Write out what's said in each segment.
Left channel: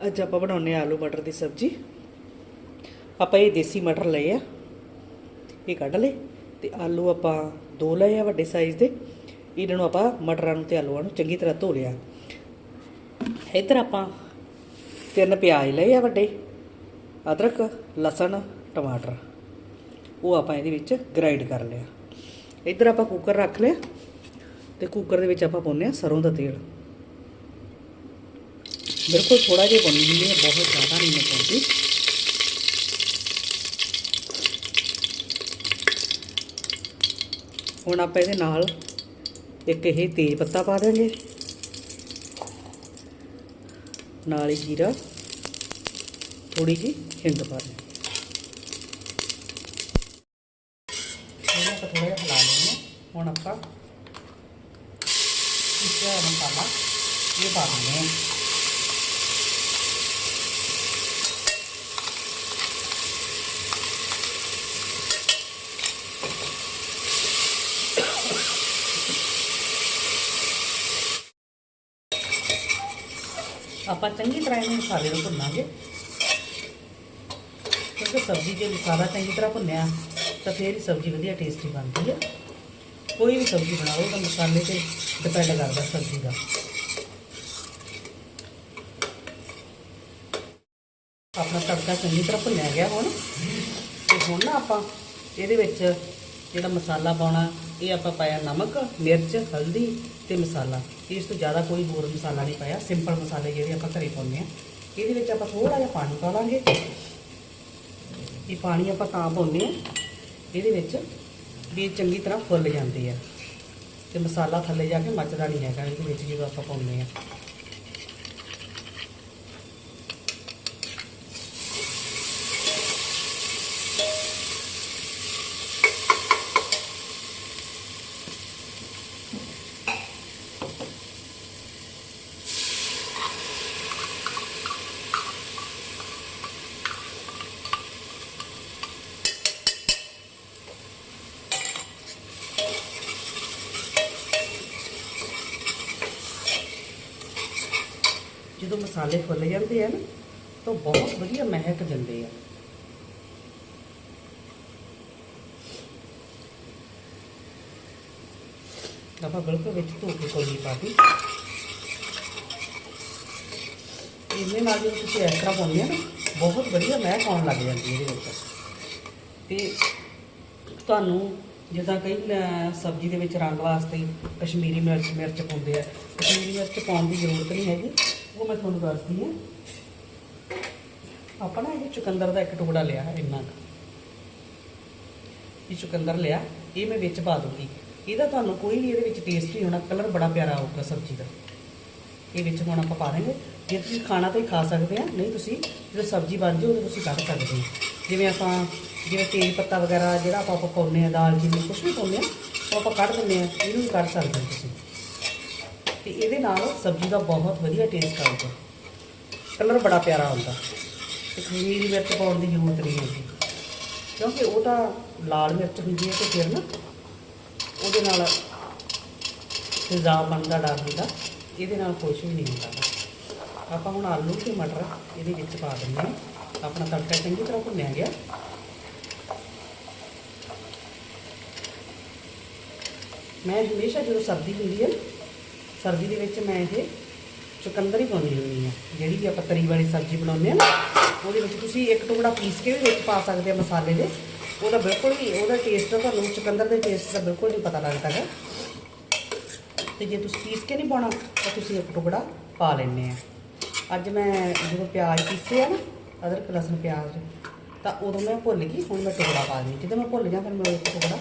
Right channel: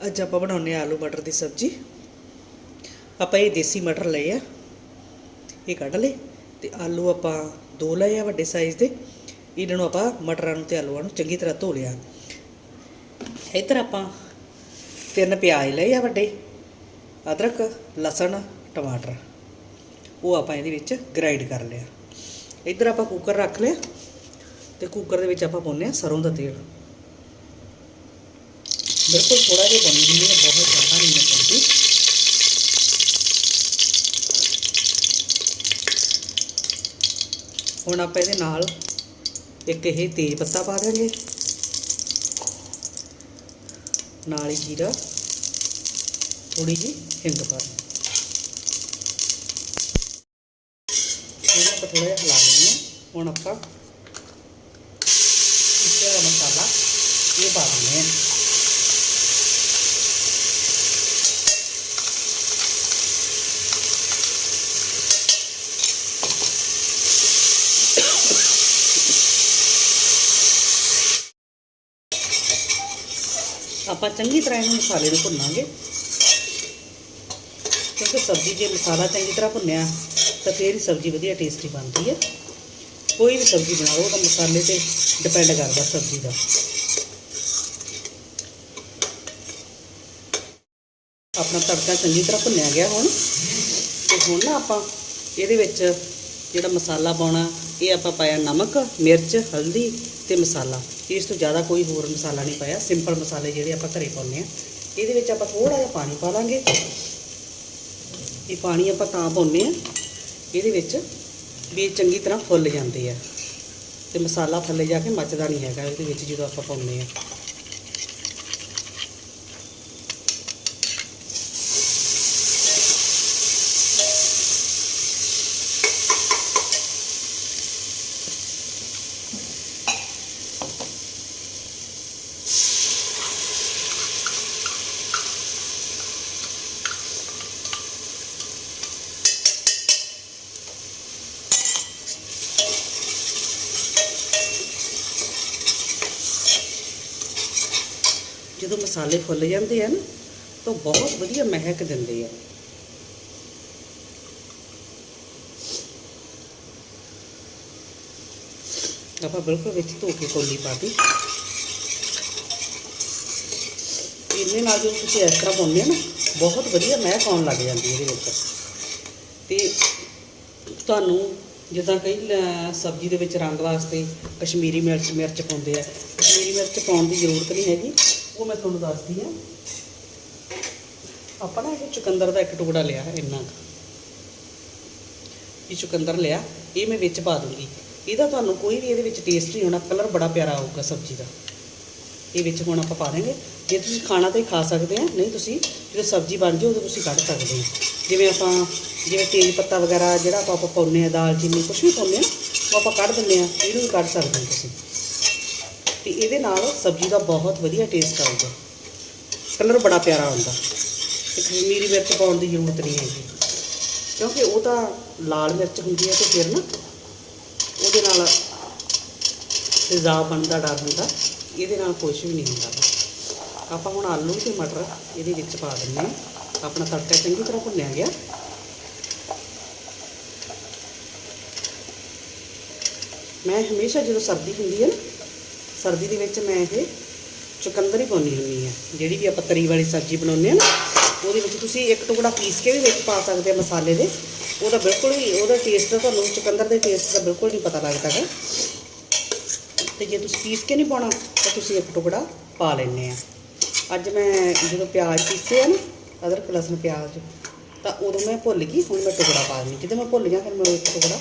ਅੱਜ ਆਪਾਂ ਬਣਾਉਨੇ ਆ ਆਲੂ ਮਟਰ ਦੀ ਸਬਜ਼ੀ। ਆਪਾਂ ਇਹ ਦੇਸੀ ਮਟਰ ਲਏ ਆ, ਇਹ ਕੱਢ ਲਏ ਤੇ ਆਲੂ ਆਪਾਂ ਦੋ ਲਏ ਆ ਵੱਡੇ ਸਾਈਜ਼ ਦੇ। ਇਹਨਾਂ ਨੂੰ ਆਪਾਂ ਮਟਰਾਂ ਨੂੰ ਤੇ ਆਲੂਆਂ ਨੂੰ ਚੰਗੀ ਤਰ੍ਹਾਂ ਧੋ ਲਿਆ। ਇੱਧਰ ਆਪਾਂ ਤਿੰਨ ਪਿਆਜ਼ ਲਏ ਆ ਵੱਡੇ, ਅਦਰਕ, ਲਸਣ, ਟਮਾਟਰ। ਉਹ ਆਪਾਂ ਇਹਦੇ ਵਿੱਚ ਗ੍ਰਾਈਂਡ ਕਰ ਲਿਆ। ਇੱਧਰ ਆਪਾਂ ਕੁੱਕਰ ਰੱਖ ਲਿਆ ਤੇ ਕੁੱਕਰ ਦੇ ਵਿੱਚ ਆਪਾਂ ਪਾਉਂਦੇ ਆ ਸਰੋਂ ਦਾ ਤੇਲ। ਬਿਲਕੁਲ ਥੋੜਾ ਜਿਹਾ ਪਾਉਣੀ ਹੁੰਦੀ ਹੈ ਬਹੁਤ ਜ਼ਿਆਦਾ ਨਹੀਂ ਪਾਉਂਦੀ ਹੁਣ ਆਪਾਂ ਇਹਦੇ ਨਾਲ ਇੱਕ ਇਹ ਤੇਜ ਪੱਤਾ ਪਾ ਦੇਵਾਂਗੇ ਨਾਲ ਹੀ ਜੀਰਾ ਥੋੜੀ ਜਿਹੀ ਹਿੰਗ ਪਾ ਦੇਵਾਂਗੇ ਇਹਨੂੰ ਆਪਾਂ ਥੋੜਾ ਜਿਹਾ ਹਿਲਾ ਲੈਂਦੇ ਹਾਂ। ਹੁਣ ਆਪਾਂ ਇਸ ਦਾ ਮਸਾਲਾ ਇਹ ਪਾ ਦਿੰਦੇ ਹਾਂ। ਆਪਾਂ ਚੰਗੀ ਤਰ੍ਹਾਂ ਇਹਨੂੰ ਮਸਾਲੇ ਨੂੰ ਭੁੰਨਾਂਗੇ। ਕਿਉਂਕਿ ਸਬਜ਼ੀ ਜੇ ਮਸਾਲਾ ਚੰਗੀ ਤਰ੍ਹਾਂ ਭੁੰਨਿਆ, ਤਾਂ ਫਿਰ ਹੀ ਸਬਜ਼ੀ ਵਧੀਆ ਟੇਸਟੀ ਬਣਦੀ ਹੈ ਕੋਈ ਵੀ ਸਬਜ਼ੀ ਬਣਾਓ ਤਾਂ ਮਸਾਲੇ ਤੇ ਡਿਪੈਂਡ ਕਰਦਾ ਸਬਜ਼ੀ ਦਾ। ਆਪਣਾ ਤੜਕਾ ਚੰਗੀ ਤਰ੍ਹਾਂ ਭੁੰਨਿਆ ਗਿਆ ਹੁਣ। ਤੇ ਹੁਣ ਨਾ ਆਪਾਂ ਇਹਦੇ ਵਿੱਚ ਜਿਹੜਾ ਮਸਾਲਾ ਪਾਉਣਾ, ਇਹ ਆਪਾਂ ਪਾਇਆ ਨਮਕ, ਮਿਰਚ, ਹਲਦੀ ਤੇ ਮਸਾਲਾ। ਇਸ ਤੋਂ ਜ਼ਿਆਦਾ ਕੋਈ ਹੋਰ ਮਸਾਲਾ ਨਹੀਂ ਪਾਇਆ। ਸਿੰਪਲ ਮਸਾਲੇ ਜਿਹੜੇ ਆਪਾਂ ਘਰੇ ਪਾਉਂਦੇ ਆ ਇਹਦੇ ਵਿੱਚ ਆਪਾਂ ਥੋੜਾ ਜਿਹਾ ਪਾਣੀ ਪਾ ਲਾਂਗੇ। ਇਹ ਪਾਣੀ ਆਪਾਂ ਤਾਂ ਪਾਉਂਦੇ ਆ ਇਹਦੇ ਵਿੱਚ ਵੀ ਚੰਗੀ ਤਰ੍ਹਾਂ ਫੁੱਲ ਜਾਂਦੇ ਆ। ਤੇ ਮਸਾਲਾ ਥੱਲੇ ਜਾ ਕੇ ਮੱਚਦਾ ਨਹੀਂ ਹੈਗਾ। ਇਹਦੇ ਵਿੱਚ ਜਦੋਂ ਆਪਾਂ ਪਾਉਂਦੇ ਆ ਜਦੋਂ ਮਸਾਲੇ ਫੁੱਲ ਜਾਂਦੇ ਆ ਨਾ, ਤਾਂ ਬਹੁਤ ਵਧੀਆ ਮਹਿਕ ਦਿੰਦੇ ਆ। ਆਪਾਂ ਬਿਲਕੁਲ ਵਿੱਚ ਧੋ ਕੇ ਕੋਲੀ ਪਾ ਇਹਨੇ ਨਾਲ ਜਦੋਂ ਤੁਸੀਂ ਇਸ ਤਰ੍ਹਾਂ ਪਾਉਂਦੇ ਆ ਨਾ, ਬਹੁਤ ਵਧੀਆ ਮਹਿਕ ਆਉਣ ਲੱਗ ਜਾਂਦੀ ਹੈ ਇਹਦੇ ਵਿੱਚ। ਤੇ ਤੁਹਾਨੂੰ ਜਿੱਦਾਂ ਕਈ ਸਬਜ਼ੀ ਦੇ ਵਿੱਚ ਰੰਗ ਵਾਸਤੇ ਕਸ਼ਮੀਰੀ ਮਿਰਚ ਮਿਰਚ ਪਾਉਂਦੇ ਆ। ਕਸ਼ਮੀਰੀ ਮਿਰਚ ਪਾਉਣ ਦੀ ਜ਼ਰੂਰਤ ਨਹੀਂ ਹੈਗੀ। ਉਹ ਮੈਂ ਤੁਹਾਨੂੰ ਦੱਸਦੀ ਹਾਂ। ਆਪਾਂ ਨਾ ਇਹ ਚੁਕੰਦਰ ਦਾ ਇੱਕ ਟੁਕੜਾ ਲਿਆ ਇੰਨਾ ਇਹ ਚੁਕੰਦਰ ਲਿਆ, ਇਹ ਮੈਂ ਵਿੱਚ ਪਾ ਦੂੰਗੀ। ਇਹਦਾ ਤੁਹਾਨੂੰ ਕੋਈ ਵੀ ਇਹਦੇ ਵਿੱਚ ਟੇਸਟ ਨਹੀਂ ਹੋਣਾ ਕਲਰ ਬੜਾ ਪਿਆਰਾ ਆਊਗਾ ਸਬਜ਼ੀ ਦਾ। ਇਹ ਵਿੱਚ ਹੁਣ ਆਪਾਂ ਪਾ ਦਾਂਗੇ ਜੇ ਤੁਸੀਂ ਖਾਣਾ ਤਾਂ ਹੀ ਖਾ ਸਕਦੇ ਆ, ਨਹੀਂ ਤੁਸੀਂ ਜਦੋਂ ਸਬਜ਼ੀ ਬਣ ਜਾਏ ਉਦੋਂ ਤੁਸੀਂ ਕੱਢ ਸਕਦੇ ਹੋ। ਜਿਵੇਂ ਆਪਾਂ, ਜਿਵੇਂ ਤੇਜ ਪੱਤਾ ਵਗੈਰਾ ਜਿਹੜਾ ਆਪਾਂ ਆਪਾਂ ਪਾਉਂਦੇ ਆ ਦਾਲ ਚੀਨੀ ਕੁਛ ਵੀ ਪਾਉਂਦੇ ਆ ਉਹ ਆਪਾਂ ਕੱਢ ਦਿੰਦੇ ਆ ਇਹਨੂੰ ਵੀ ਕੱਢ ਸਕਦੇ ਹੋ ਤੁਸੀਂ। ਤੇ ਇਹਦੇ ਨਾਲ ਸਬਜ਼ੀ ਦਾ ਬਹੁਤ ਵਧੀਆ ਟੇਸਟ ਆਊਗਾ ਕਲਰ ਬੜਾ ਪਿਆਰਾ ਆਉਂਦਾ। ਤੇ ਕਸ਼ਮੀਰੀ ਮਿਰਚ ਪਾਉਣ ਦੀ ਜ਼ਰੂਰਤ ਨਹੀਂ ਹੈਗੀ ਕਿਉਂਕਿ ਉਹ ਤਾਂ ਲਾਲ ਮਿਰਚ ਹੁੰਦੀ ਹੈ ਤੇ ਫਿਰ ਨਾ ਉਹਦੇ ਨਾਲ ਤੇਜ਼ਾਬ ਬਣਨ ਦਾ ਡਰ ਹੁੰਦਾ ਇਹਦੇ ਨਾਲ ਕੁਝ ਵੀ ਨਹੀਂ ਹੁੰਦਾ। ਆਪਾਂ ਹੁਣ ਆਲੂ ਤੇ ਮਟਰ ਇਹਦੇ ਵਿੱਚ ਪਾ ਦਿੰਦੇ ਹਾਂ। ਆਪਣਾ ਤੜਕਾ ਚੰਗੀ ਤਰ੍ਹਾਂ ਭੁੰਨਿਆ ਗਿਆ। ਮੈਂ ਹਮੇਸ਼ਾ ਜਦੋਂ ਸਰਦੀ ਹੁੰਦੀ ਹੈ ਸਰਦੀ ਦੇ ਵਿੱਚ ਮੈਂ ਇਹ ਚੁਕੰਦਰ ਹੀ ਪਾਉਂਦੀ ਹੁੰਦੀ ਹਾਂ। ਜਿਹੜੀ ਵੀ ਆਪਾਂ ਤਰੀ ਵਾਲੀ ਸਬਜ਼ੀ ਬਣਾਉਂਦੇ ਹਾਂ ਉਹਦੇ ਵਿੱਚ ਤੁਸੀਂ ਇੱਕ ਟੁਕੜਾ ਪੀਸ ਕੇ ਵੀ ਵਿੱਚ ਪਾ ਸਕਦੇ ਆ ਮਸਾਲੇ ਦੇ। ਉਹਦਾ ਬਿਲਕੁਲ ਵੀ ਉਹਦਾ ਟੇਸਟ ਤਾਂ ਤੁਹਾਨੂੰ ਚੁਕੰਦਰ ਦੇ ਟੇਸਟ ਦਾ ਬਿਲਕੁਲ ਨਹੀਂ ਪਤਾ ਲੱਗਦਾ ਹੈ ਤੇ ਜੇ ਤੁਸੀਂ ਪੀਸ ਕੇ ਨਹੀਂ ਪਾਉਣਾ, ਤਾਂ ਤੁਸੀਂ ਇੱਕ ਟੁਕੜਾ ਪਾ ਲੈਣੇ ਆ ਅੱਜ ਮੈਂ ਜਦੋਂ ਪਿਆਜ਼ ਪੀਸੇ ਆ ਨਾ, ਅਦਰਕ, ਲਸਣ, ਪਿਆਜ਼, ਤਾਂ ਉਦੋਂ ਮੈਂ ਭੁੱਲ ਗਈ, ਹੁਣ ਮੈਂ ਟੁਕੜਾ ਪਾ ਦਿੰਦੀ ਜਦੋਂ ਮੈਂ ਭੁੱਲ ਜਾ ਫਿਰ ਮੈਂ ਇੱਕ ਟੁਕੜਾ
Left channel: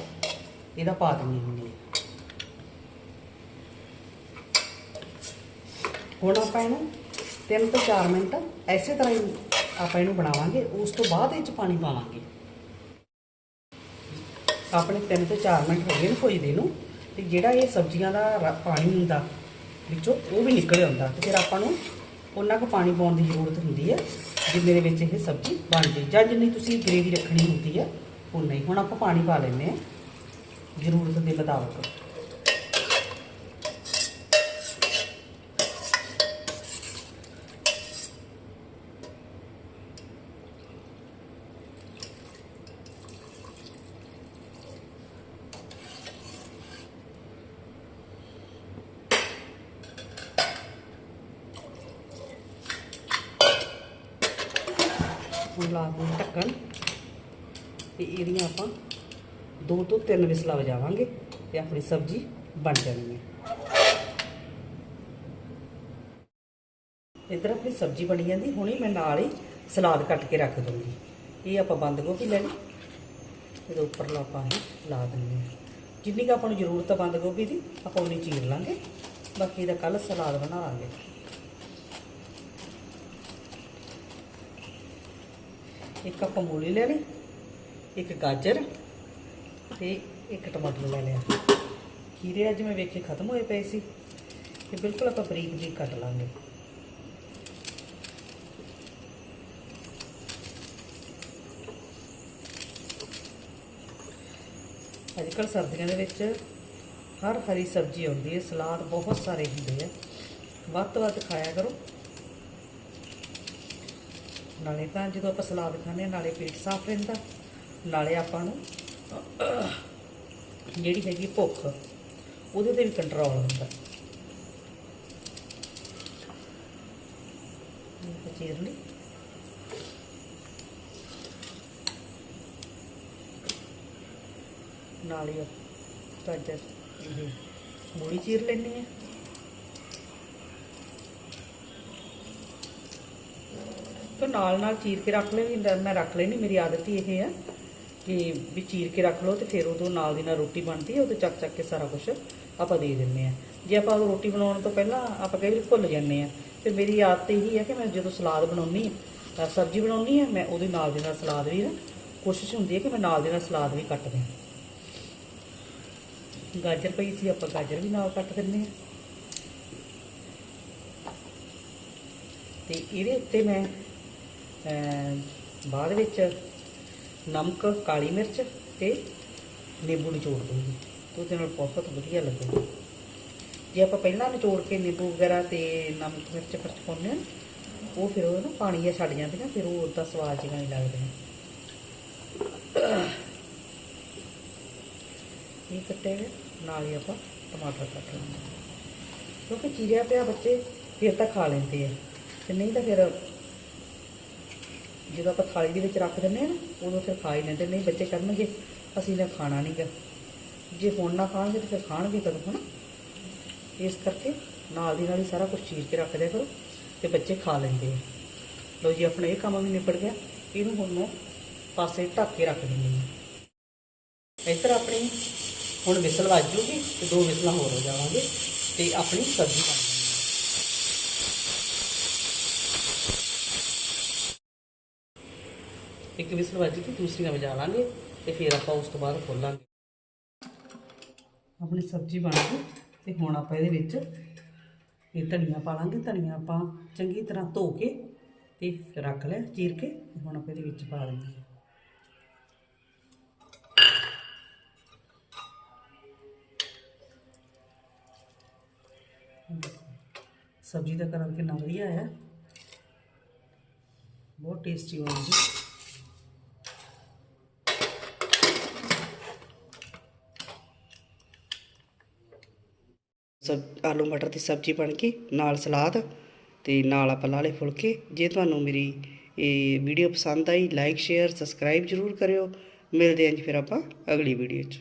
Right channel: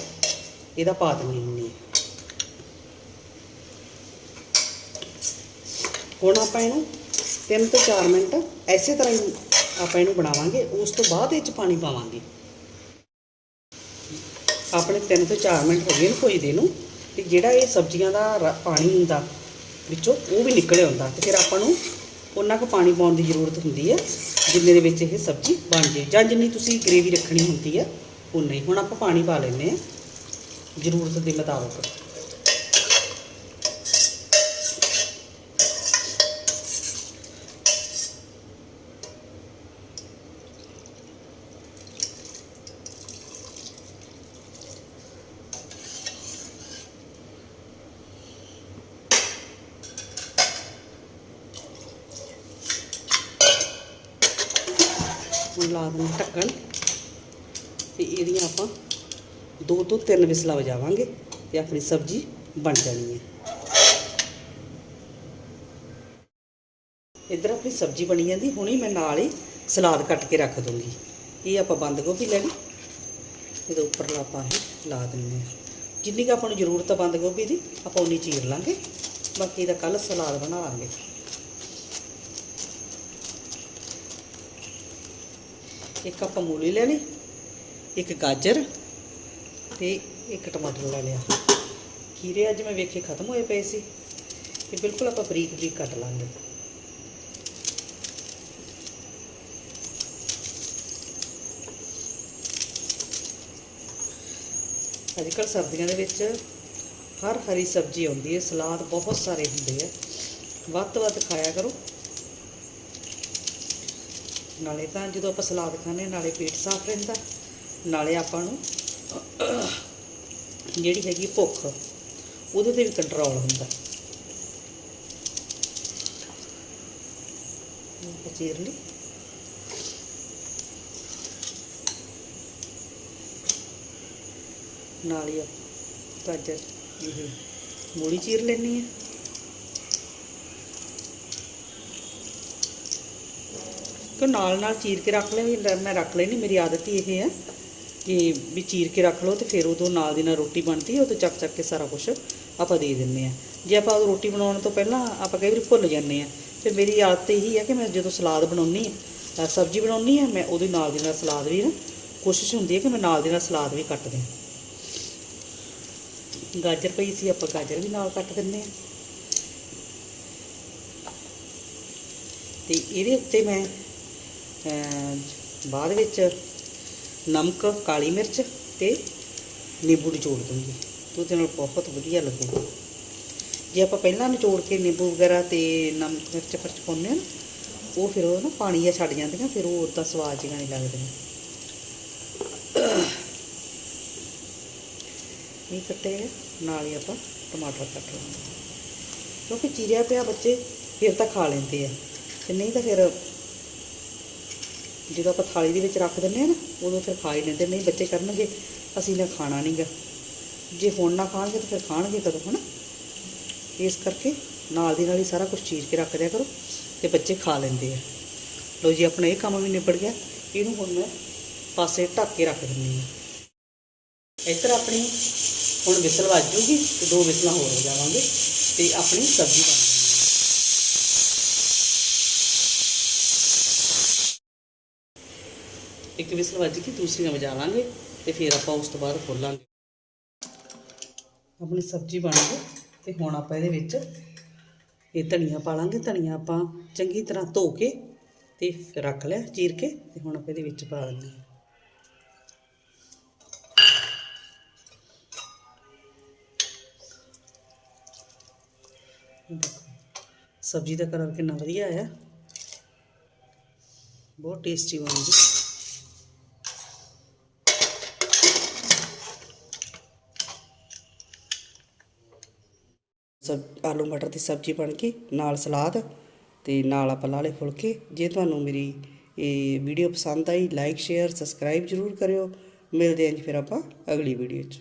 ਇਹਦਾ ਪਾ ਦਿੰਦੀ ਹੁੰਦੀ ਹਾਂ। ਹੁਣ ਆਪਾਂ ਇਹਨੂੰ 3 ਤੋਂ 4 ਮਿੰਟ ਐਸੇ ਤਰ੍ਹਾਂ ਹੀ ਆਪਾਂ ਇਹਨੂੰ ਬਣਾਵਾਂਗੇ, ਉਸ ਤੋਂ ਬਾਅਦ ਇਹ ਚ ਪਾਣੀ ਪਾਵਾਂਗੇ। ਆਪਣੇ 3 ਤੋਂ 4 ਮਿੰਟ ਹੋ ਗਏ ਨੇ ਕੋਈ ਦੇ ਨੂੰ, ਤੇ ਜਿਹੜਾ ਇਹ ਸਬਜ਼ੀਆਂ ਦਾ ਰ- ਪਾਣੀ ਹੁੰਦਾ ਵਿੱਚੋਂ ਉਹ ਵੀ ਨਿਕਲਿਆ ਹੁੰਦਾ ਤੇ ਫਿਰ ਆਪਾਂ ਨੂੰ ਉਹਨਾਂ ਕੁ ਪਾਣੀ ਪਾਉਣ ਦੀ ਜ਼ਰੂਰਤ ਹੁੰਦੀ ਹੈ ਜਿੰਨੇ ਦੇ ਵਿੱਚ ਇਹ ਸਬਜ਼ੀ ਬਣ ਜੇ। ਜਾਂ ਜਿੰਨੀ ਤੁਸੀਂ ਗ੍ਰੇਵੀ ਰੱਖਣੀ ਹੁੰਦੀ ਹੈ ਉਨਾ ਹੀ। ਹੁਣ ਆਪਾਂ ਪਾਣੀ ਪਾ ਲੈਂਦੇ ਹਾਂ ਜ਼ਰੂਰਤ ਦੇ ਮੁਤਾਬਕ। ਲਾ ਦਿੰਦੇ ਢੱਕਣ। ਤੇ ਇਹਦੀਆਂ ਆਪਾਂ ਦੋ ਤੋਂ ਤਿੰਨ ਵਿਸਲਾਂ ਵਜਾਵਾਂਗੇ ਤੇ ਆਪਣੀ ਸਬਜ਼ੀ ਬਣ ਜਾਣੀ ਹੈ। ਇੱਧਰ ਆਪਣੀ ਸਬਜ਼ੀ ਬਣੀ ਜਾਂਦੀ, ਹੁਣੇ ਮੈਂ ਨਾਲ ਹੀ ਸਲਾਦ ਕੱਟ ਕੇ ਰੱਖ ਦੂੰਗੀ। ਇਹ ਆਪਾਂ ਬੰਦ ਗੋਭੀ ਲੈਣੀ, ਇਹਦੇ ਉੱਪਰ ਆਪਾਂ ਇਹ ਲਾ ਦਿੰਦੇ ਹਾਂ। ਜਿੰਨੀ ਕੁ ਆਪਾਂ ਨੂੰ ਜ਼ਰੂਰਤ ਆ ਬੰਦ ਗੋਭੀ ਦੀ, ਆਪਾਂ ਉਨੀ ਚੀਰ ਲਾਂਗੇ। ਬਾਕੀ ਇਹਦਾ ਕੱਲ ਸਲਾਦ ਬਣਾ ਲਾਂਗੇ। ਇੱਕ ਆਪਾਂ ਮੂਲੀ ਲੈ ਲਈ, ਇੱਕ ਗਾਜਰ ਤੇ ਇੱਕ ਟਮਾਟਰ ਲੈ ਲਿਆ। ਖੀਰੇ ਅੱਜ ਮੈਂ ਵੇਖੇ ਖਤਮ ਹੋਏ ਪਏ ਸੀ ਤੇ ਬਿਲਕੁਲ ਆਪਾਂ ਬਰੀਕ ਬਰੀਕ ਕੱਟ ਲਾਂਗੇ। ਅੱਜ ਕੱਲ੍ਹ ਸਰਦੀਆਂ ਦੇ ਵਿੱਚ ਹਰ ਹਰੀ ਸਬਜ਼ੀ ਆਉਂਦੀ ਹੈ, ਸਲਾਦ ਬਹੁਤ ਸਾਰੇ ਹੁੰਦੇ ਆ। ਵੱਧ ਤੋਂ ਵੱਧ ਖਾਇਆ ਕਰੋ। ਨਾਲੇ ਤਾਂ ਜਦੋਂ ਆਪਾਂ ਸਲਾਦ ਖਾਂਦੇ ਨਾਲੇ ਪੇਟ ਸਾਫ਼ ਰਹਿੰਦਾ। ਨਾਲੇ ਆਪਾਂ ਨੂੰ ਜਿਹੜੀ ਹੈਗੀ ਭੁੱਖ ਉਹਦੇ ਤੇ ਵੀ ਕੰਟਰੋਲ ਹੁੰਦਾ। ਚੀਰ ਲਈ। ਨਾਲ ਗਾਜਰ ਇਹ ਮੂਲੀ ਚੀਰ ਲੈਣੀ ਹੈ। ਕਿ ਨਾਲ ਨਾਲ ਚੀਰ ਕੇ ਰੱਖ ਲੈ ਮੈਂ ਰੱਖ ਲੈਣੀ, ਮੇਰੀ ਆਦਤ ਹੀ ਇਹ ਹੈ ਕਿ ਵੀ ਚੀਰ ਕੇ ਰੱਖ ਲਓ ਤੇ ਫਿਰ ਉਦੋਂ ਨਾਲ ਦੀ ਨਾਲ ਰੋਟੀ ਬਣਦੀ ਹੈ ਉਹ ਤੇ ਚੱਕ ਚੱਕ ਕੇ ਸਾਰਾ ਕੁਝ ਆਪਾਂ ਦੇ ਦਿੰਨੇ ਆ ਜੇ ਆਪਾਂ ਰੋਟੀ ਬਣਾਉਣ ਤੋਂ ਪਹਿਲਾਂ ਆਪਾਂ ਕਈ ਵਾਰ ਭੁੱਲ ਜਾਂਦੇ ਆ ਤੇ ਮੇਰੀ ਆਦਤ ਇਹੀ ਹੈ ਕਿ ਮੈਂ ਜਦੋਂ ਸਲਾਦ ਬਣਾਉਣੀ ਆ ਸਬਜ਼ੀ ਬਣਾਉਣੀ ਆ ਮੈਂ ਉਹਦੇ ਨਾਲ ਦੀ ਨਾਲ ਸਲਾਦ ਵੀ ਨਾ ਕੋਸ਼ਿਸ਼ ਹੁੰਦੀ ਹੈ ਕਿ ਮੈਂ ਨਾਲ ਦੀ ਨਾਲ ਸਲਾਦ ਵੀ ਕੱਟ ਦਿਆਂ ਗਾਜਰ ਪਈ ਸੀ, ਆਪਾਂ ਗਾਜਰ ਵੀ ਨਾਲ ਕੱਟ ਦਿੰਨੇ ਆ ਤੇ ਇਹਦੇ ਉੱਤੇ ਮੈਂ ਬਾਅਦ ਵਿੱਚ ਨਮਕ, ਕਾਲੀ ਮਿਰਚ ਤੇ ਨਿੰਬੂ ਨਿਚੋੜ ਦੂੰਗੀ ਤੇ ਉਹਦੇ ਨਾਲ ਬਹੁਤ ਵਧੀਆ ਲੱਗੂਗਾ ਜੇ ਆਪਾਂ ਪਹਿਲਾਂ ਨਿਚੋੜ ਕੇ ਨਿੰਬੂ ਵਗੈਰਾ ਤੇ ਨਮਕ, ਮਿਰਚ ਖਰਚ ਪਾਉਂਦੇ ਹਾਂ, ਉਹ ਫਿਰ ਉਹ ਨਾ ਪਾਣੀ ਜਿਹਾ ਛੱਡ ਜਾਂਦੀਆਂ, ਫਿਰ ਉਹ ਉਦਾਂ ਸਵਾਦ ਜਿਹਾ ਨਹੀਂ ਲੱਗਦਾ ਇਹ ਕੱਟੇ ਨਾਲ ਹੀ ਆਪਾਂ ਟਮਾਟਰ ਕੱਟ ਲਾਂਗੇ ਕਿਉਂਕਿ ਚੀਰਿਆ ਪਿਆ ਬੱਚੇ, ਫਿਰ ਤਾਂ ਖਾ ਲੈਂਦੇ ਆ। ਤੇ ਨਹੀਂ ਤਾਂ ਫਿਰ ਜਦੋਂ ਆਪਾਂ ਥਾਲੀ ਦੇ ਵਿੱਚ ਰੱਖ ਦਿੰਦੇ ਆ ਨਾ, ਉਦੋਂ ਫਿਰ ਖਾ ਹੀ ਲੈਂਦੇ ਨਹੀਂ, ਬੱਚੇ ਕਰਨਗੇ, ਅਸੀਂ ਨੇ ਖਾਣਾ ਨਹੀਂਗਾ ਜੇ ਹੁਣ ਨਾ ਖਾਣਗੇ ਤਾਂ ਫਿਰ ਖਾਣਗੇ ਕਦੋਂ, ਹਨਾ? ਇਸ ਕਰਕੇ ਨਾਲ ਦੀ ਨਾਲ ਹੀ ਸਾਰਾ ਕੁਝ ਚੀਰ ਕੇ ਰੱਖ ਦਿਆ ਕਰੋ ਤੇ ਬੱਚੇ ਖਾ ਲੈਂਦੇ ਆ। ਲੋ ਜੀ, ਆਪਣਾ ਇਹ ਕੰਮ ਵੀ ਨਿਪਟ ਗਿਆ। ਇਹਨੂੰ ਹੁਣ ਮੈਂ ਪਾਸੇ ਢੱਕ ਕੇ ਰੱਖ ਦਿੰਦੀ ਹਾਂ। ਇੱਧਰ ਆਪਣੀ ਹੁਣ ਵਿਸਲ ਵੱਜ ਜੂਗੀ ਤੇ ਦੋ ਵਿਸਲਾਂ ਹੋਰ ਹੋ ਜਾਵਾਂਗੇ ਤੇ ਆਪਣੀ ਸਬਜ਼ੀ ਬਣ ਜਾਣੀ ਇੱਕ ਵਿਸਲ ਵੱਜ ਕੇ ਦੂਸਰੀ ਵਜਾ ਲਾਂਗੇ ਤੇ ਫਿਰ ਆਪਾਂ ਉਸ ਤੋਂ ਬਾਅਦ ਖੋਲਾਂਗੇ। ਆਪਣੀ ਸਬਜ਼ੀ ਬਣ ਗਈ ਤੇ ਹੁਣ ਆਪਾਂ ਇਹਦੇ ਵਿੱਚ ਇਹ ਧਨੀਆ ਪਾ ਲਾਂਗੇ ਧਨੀਆ ਆਪਾਂ ਚੰਗੀ ਤਰ੍ਹਾਂ ਧੋ ਕੇ ਤੇ ਰੱਖ ਲਿਆ, ਚੀਰ ਕੇ ਤੇ ਹੁਣ ਆਪਾਂ ਇਹਦੇ ਵਿੱਚ ਪਾ ਦਿੰਦੇ ਹਾਂ। ਸਬਜ਼ੀ ਦਾ ਕਲਰ ਕਿੰਨਾ ਵਧੀਆ ਆਇਆ। ਬਹੁਤ ਟੇਸਟੀ ਬਣੂਗੀ ਸਬ, ਆਲੂ ਮਟਰ ਦੀ ਸਬਜ਼ੀ ਬਣ ਕੇ, ਨਾਲ ਸਲਾਦ ਤੇ ਨਾਲ ਆਪਾਂ ਲਾਲੇ ਫੁਲਕੇ। ਜੇ ਤੁਹਾਨੂੰ ਮੇਰੀ ਇਹ ਵੀਡੀਓ ਪਸੰਦ ਆਈ ਲਾਈਕ ਸ਼ੇਅਰ ਸਬਸਕ੍ਰਾਈਬ ਜਰੂਰ ਕਰਿਓ। ਮਿਲਦੇ ਹਾਂ ਜੀ ਫਿਰ ਆਪਾਂ ਅਗਲੀ ਵੀਡੀਓ 'ਚ।